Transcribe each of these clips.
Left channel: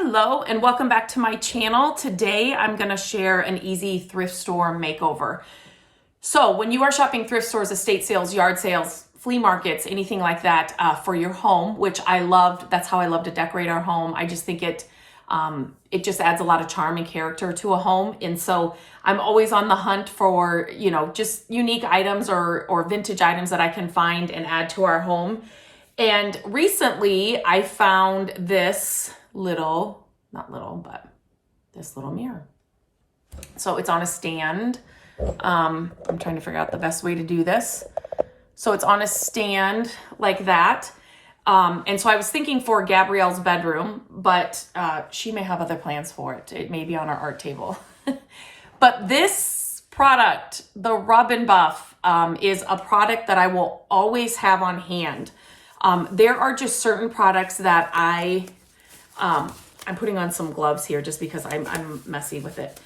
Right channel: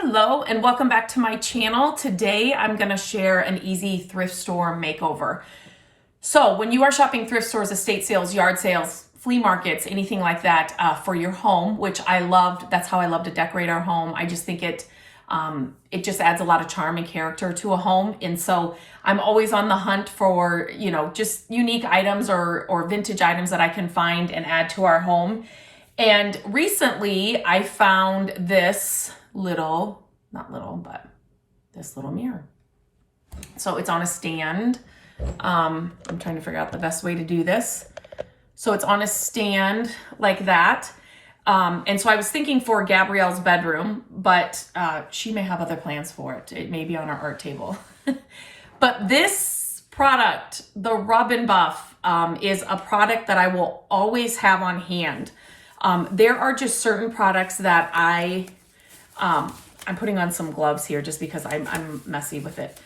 Hello and welcome back to my channel. Today I'm going to share an easy thrift store makeover. So when you are shopping thrift stores, estate sales, yard sales, flea markets, anything like that for your home, which I loved, that's how I love to decorate our home. I just think it just adds a lot of charm and character to a home. And so I'm always on the hunt for, just unique items or vintage items that I can find and add to our home. And recently I found this this little mirror. So it's on a stand. I'm trying to figure out the best way to do this. So it's on a stand like that. And so I was thinking for Gabrielle's bedroom, but she may have other plans for it. It may be on our art table. But this product, the Rub and Buff, is a product that I will always have on hand. There are just certain products that I'm putting on some gloves here just because I'm messy with it.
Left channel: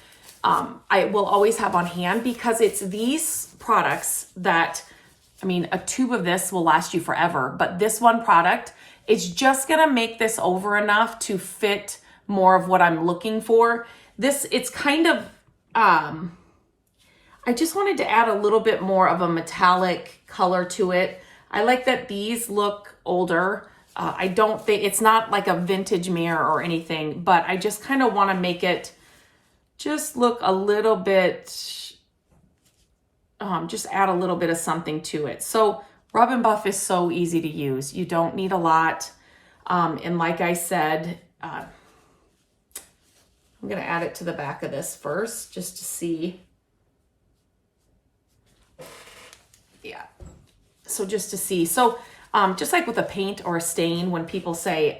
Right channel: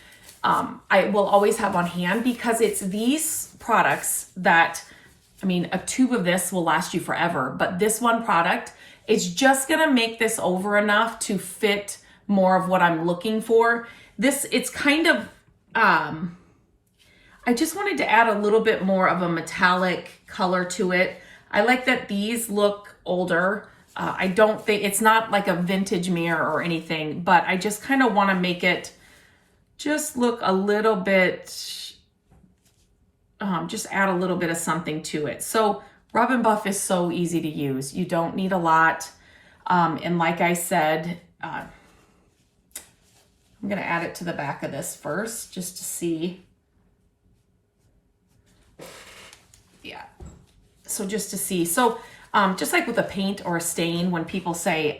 I will always have on hand because it's these products that, a tube of this will last you forever, but this one product is just gonna make this over enough to fit more of what I'm looking for. It's kind of, I just wanted to add a little bit more of a metallic color to it. I like that these look older. I don't think it's not like a vintage mirror or anything, but I just kind of want to make it just look a little bit, just add a little bit of something to it. So Rub and Buff is so easy to use. You don't need a lot. And like I said, I'm going to add it to the back of this first just to see. Yeah. So just to see. So just like with a paint or a stain, when people say,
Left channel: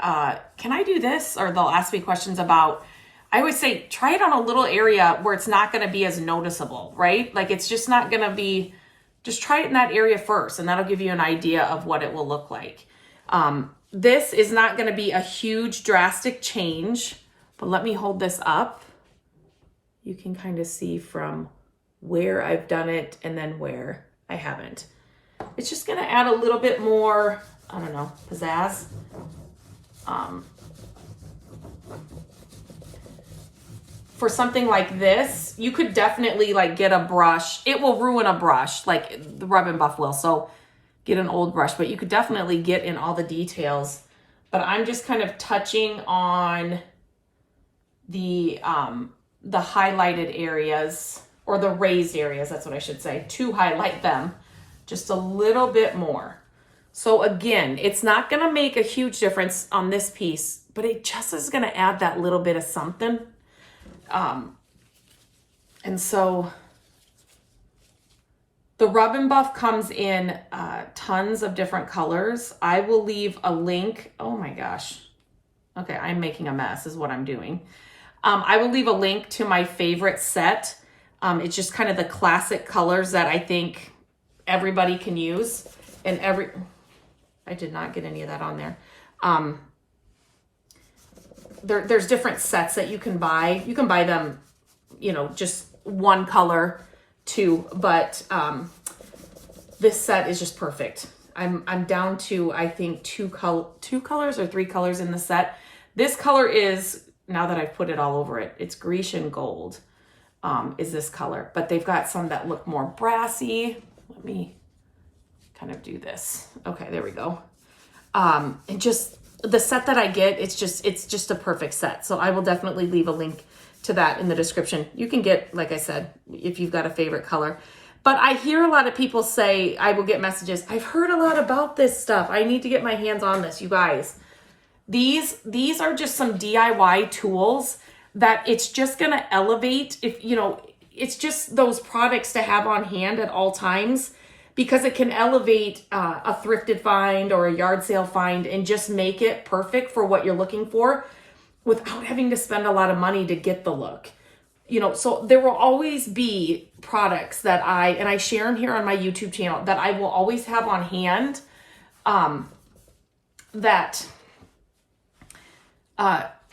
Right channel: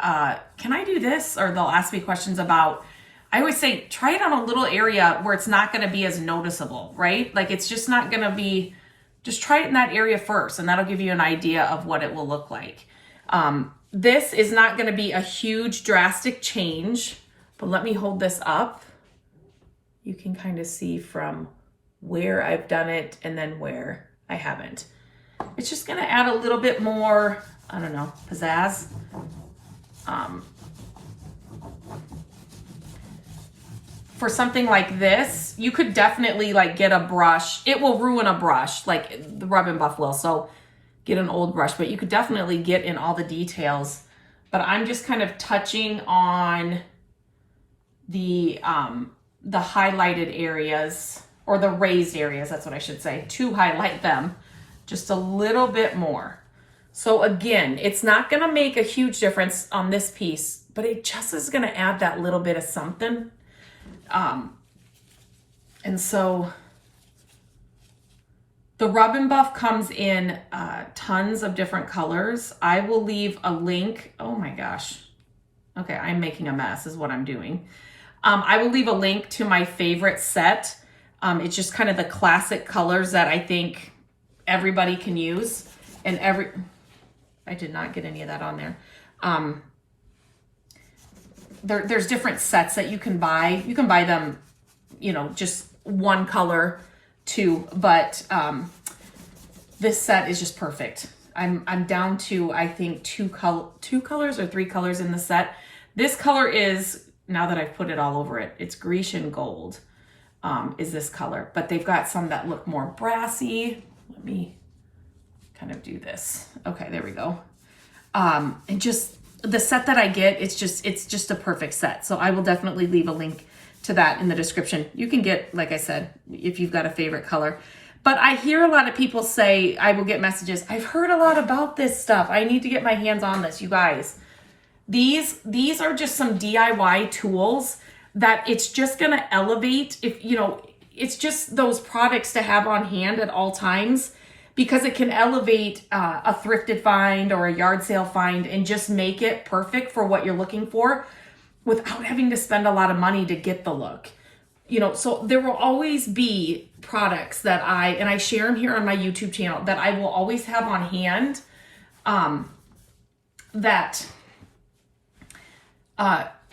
can I do this? Or they'll ask me questions about, I always say, try it on a little area where it's not going to be as noticeable, right? Like it's just not going to be, just try it in that area first, and that'll give you an idea of what it will look like. This is not going to be a huge drastic change, but let me hold this up. You can kind of see from where I've done it and then where I haven't. It's just going to add a little bit more, I don't know, pizzazz. For something like this, you could definitely like get a brush. It will ruin a brush like the Rub and Buff will. So get an old brush, but you could definitely get in all the details. But I'm just kind of touching on the highlighted areas, or the raised areas, that's what I should say, to highlight them just a little bit more. So again, it's not going to make a huge difference on this piece, but it just is going to add that little bit of something. And so the Rub and Buff comes in tons of different colors. I will leave a link. Oh my gosh. Okay, I'm making a mess is what I'm doing. I will leave a link to my favorite set. It's just kind of the classic colors that I think everybody can use. And I did not get any of that on there. There's different sets that you can buy. You can buy them, just one color, two, but this set is just perfect. I'm down to, I think, two colors or three colors in the set. This color is, now that I've put it all over it, it's Grecian gold, is this color, but they've got some that look more brassy. Let me kind of do this. Okay, there we go. And just the set that I get, it's just a perfect set. So I will definitely leave a link to that in the description. You can get, like I said, if you've got a favorite color. But I hear a lot of people say, I will get messages, I've heard a lot about this stuff. I need to get my hands on this, you guys. These are just some DIY tools that it's just going to elevate. It's just those products to have on hand at all times, because it can elevate a thrifted find or a yard sale find and just make it perfect for what you're looking for without having to spend a lot of money to get the look. So there will always be products that I share them here on my YouTube channel that I will always have on hand,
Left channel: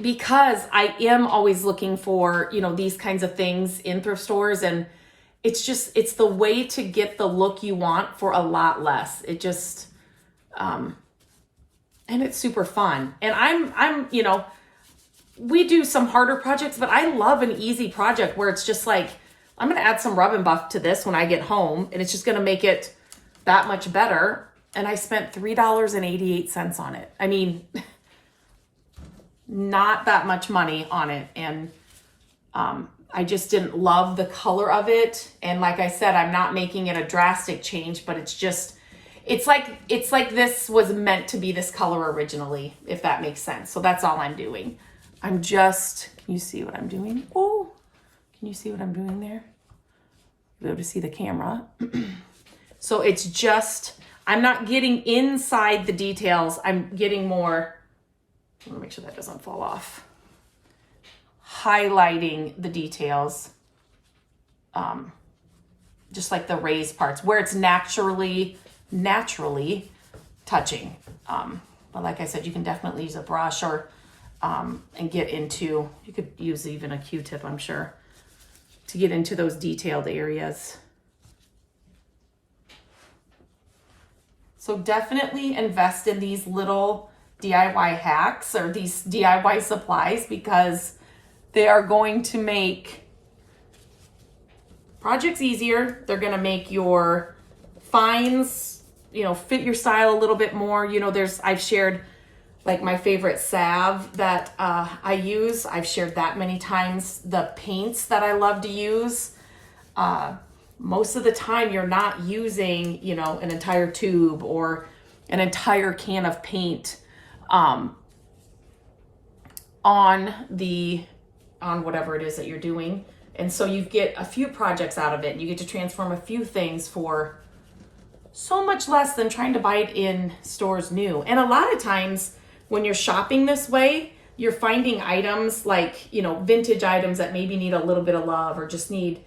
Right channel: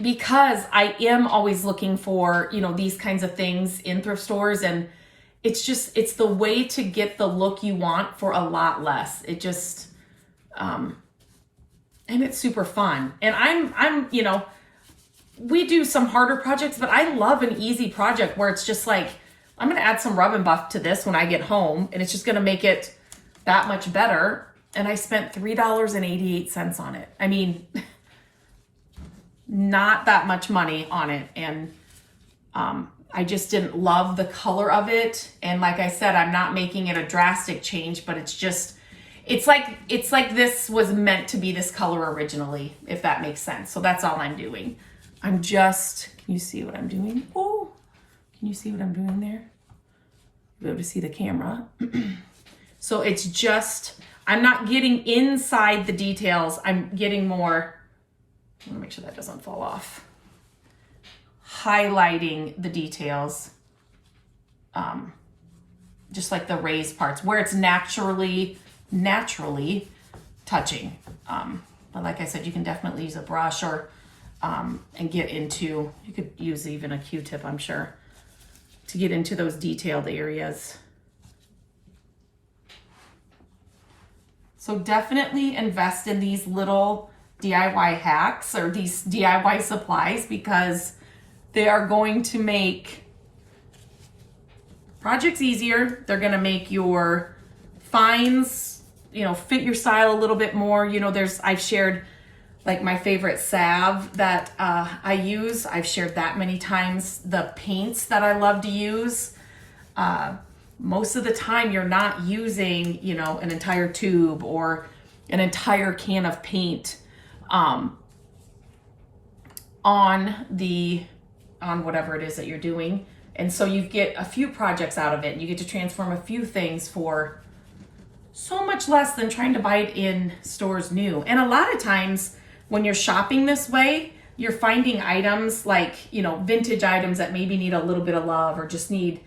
because I am always looking for, these kinds of things in thrift stores, and it's the way to get the look you want for a lot less. It just, and it's super fun. And I'm we do some harder projects, but I love an easy project where it's just like, I'm going to add some rub and buff to this when I get home, and it's just going to make it that much better. And I spent $3.88 on it. I mean, not that much money on it. And I just didn't love the color of it. And like I said, I'm not making it a drastic change, but it's just, it's like this was meant to be this color originally, if that makes sense. So that's all I'm doing. I'm just, can you see what I'm doing? Oh, can you see what I'm doing there? You'll be able to see the camera. So it's just, I'm not getting inside the details. I'm getting more, I want to make sure that doesn't fall off. Highlighting the details. Just like the raised parts where it's naturally touching. But like I said, you can definitely use a brush or, and get into, you could use even a Q-tip, I'm sure, to get into those detailed areas. So definitely invest in these little DIY hacks or these DIY supplies, because they are going to make projects easier. They're going to make your finds, you know, fit your style a little bit more. You know, I've shared like my favorite salve that I use. I've shared that many times. The paints that I love to use. Most of the time you're not using, you know, an entire tube or an entire can of paint on whatever it is that you're doing. And so you get a few projects out of it. You get to transform a few things for so much less than trying to buy it in stores new. And a lot of times when you're shopping this way, you're finding items like, you know, vintage items that maybe need a little bit of love or just need,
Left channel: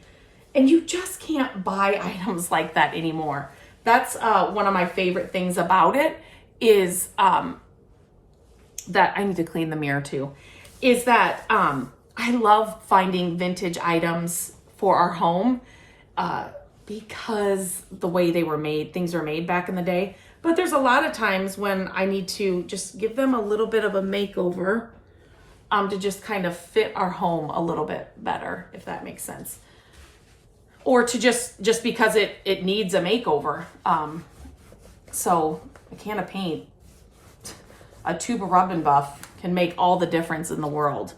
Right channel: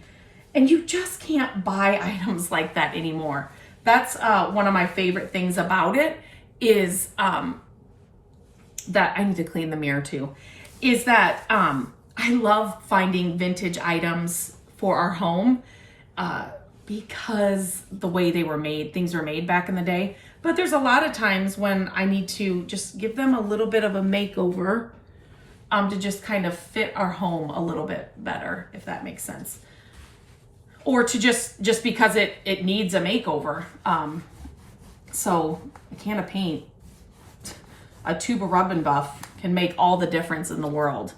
and you just can't buy items like that anymore. That's one of my favorite things about it is that I need to clean the mirror too, is that I love finding vintage items for our home because the way they were made, things were made back in the day. But there's a lot of times when I need to just give them a little bit of a makeover to just kind of fit our home a little bit better, if that makes sense. Or to just because it needs a makeover. So a can of paint, a tube of rub and buff can make all the difference in the world.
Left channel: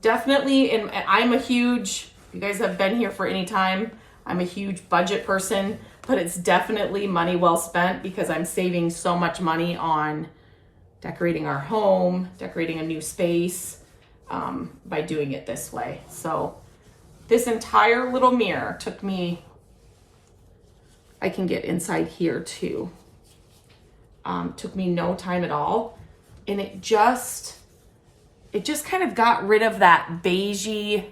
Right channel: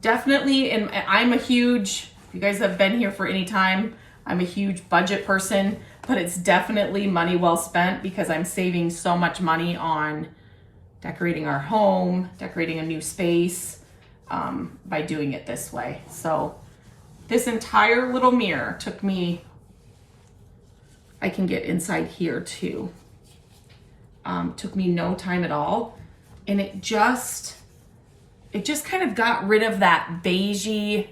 Definitely, and I'm a huge, you guys have been here for any time, I'm a huge budget person, but it's definitely money well spent because I'm saving so much money on decorating our home, decorating a new space by doing it this way. So this entire little mirror took me, I can get inside here too. Took me no time at all. And it just kind of got rid of that beigey,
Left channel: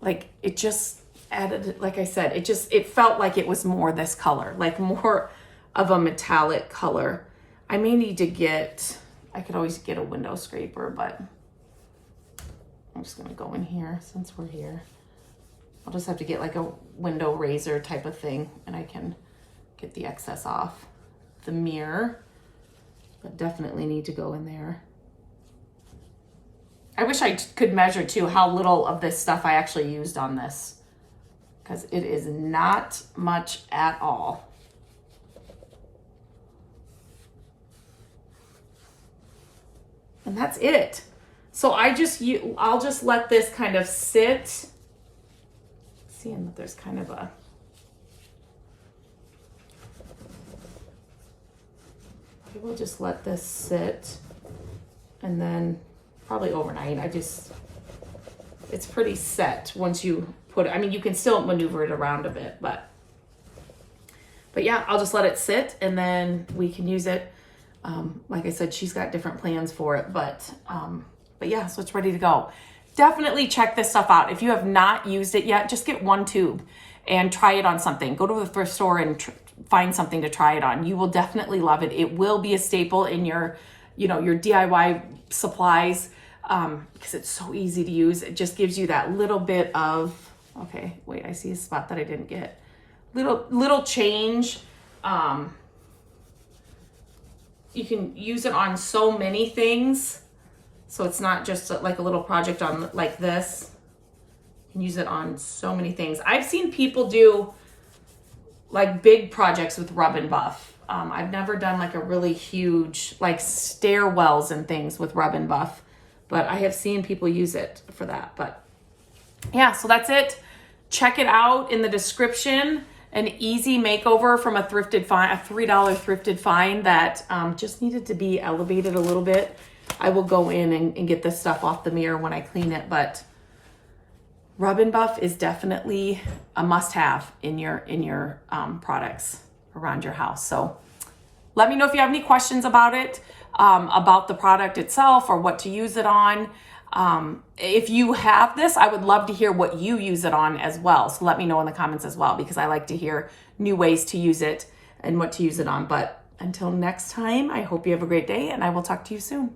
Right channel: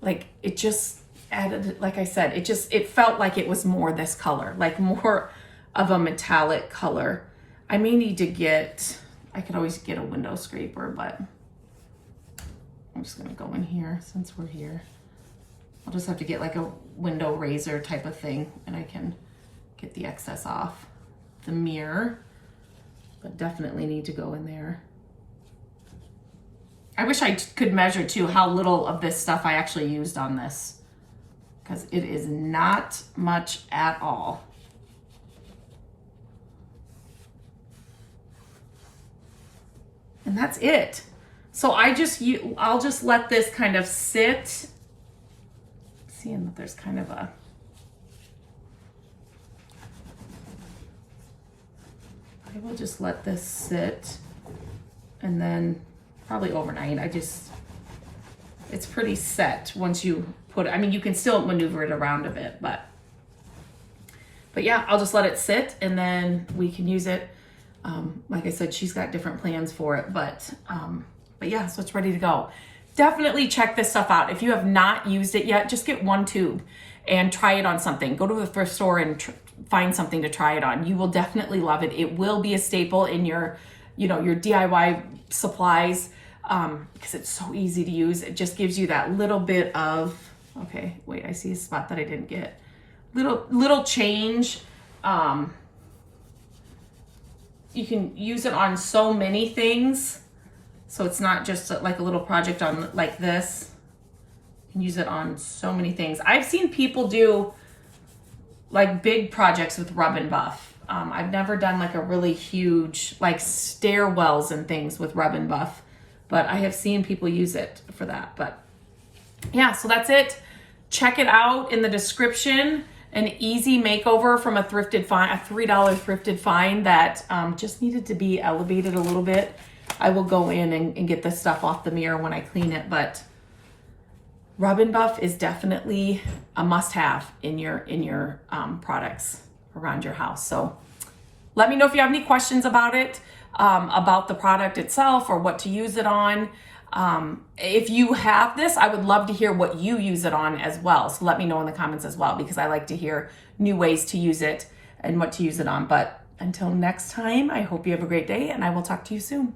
like it just added, like I said, it felt like it was more this color, like more of a metallic color. I may need to I could always get a window scraper, but I'm just gonna go in here since we're here. I'll just have to get like a window razor type of thing and I can get the excess off the mirror, but definitely need to go in there. I wish I could measure too how little of this stuff I actually used on this, because it is not much at all. And that's it. So I'll just let this kind of sit. Seeing that there's kind of a, I will just let this sit and then probably overnight. It's pretty set once you put it. I mean, you can still maneuver it around a bit, but yeah, I'll just let it sit and then we can use it. Like I said, she's got different plans for it, but yeah, so it's ready to go. Definitely check this stuff out. If you have not used it yet, just get one tube and try it on something. Go to a thrift store and find something to try it on. You will definitely love it. It will be a staple in your DIY supplies because it's so easy to use. It just gives you that little bit of, okay, wait, I see a spot that I didn't get. Little change. you can use it on so many things. So it's not just like a little project on like this. You can use it on so many things. I've seen people do like big projects with Rub and Buff. I've never done like a really huge, like stairwells and things with Rub and Buff, but I have seen people use it for that. But yeah, so that's it. Check it out in the description. An easy makeover from a thrifted find, a $3 thrifted find that just needed to be elevated a little bit. I will go in and get this stuff off the mirror when I clean it, but Rub and Buff is definitely a must-have in your products around your house. So let me know if you have any questions about it, about the product itself or what to use it on. If you have this, I would love to hear what you use it on as well. So let me know in the comments as well, because I like to hear new ways to use it and what to use it on. But until next time, I hope you have a great day, and I will talk to you soon.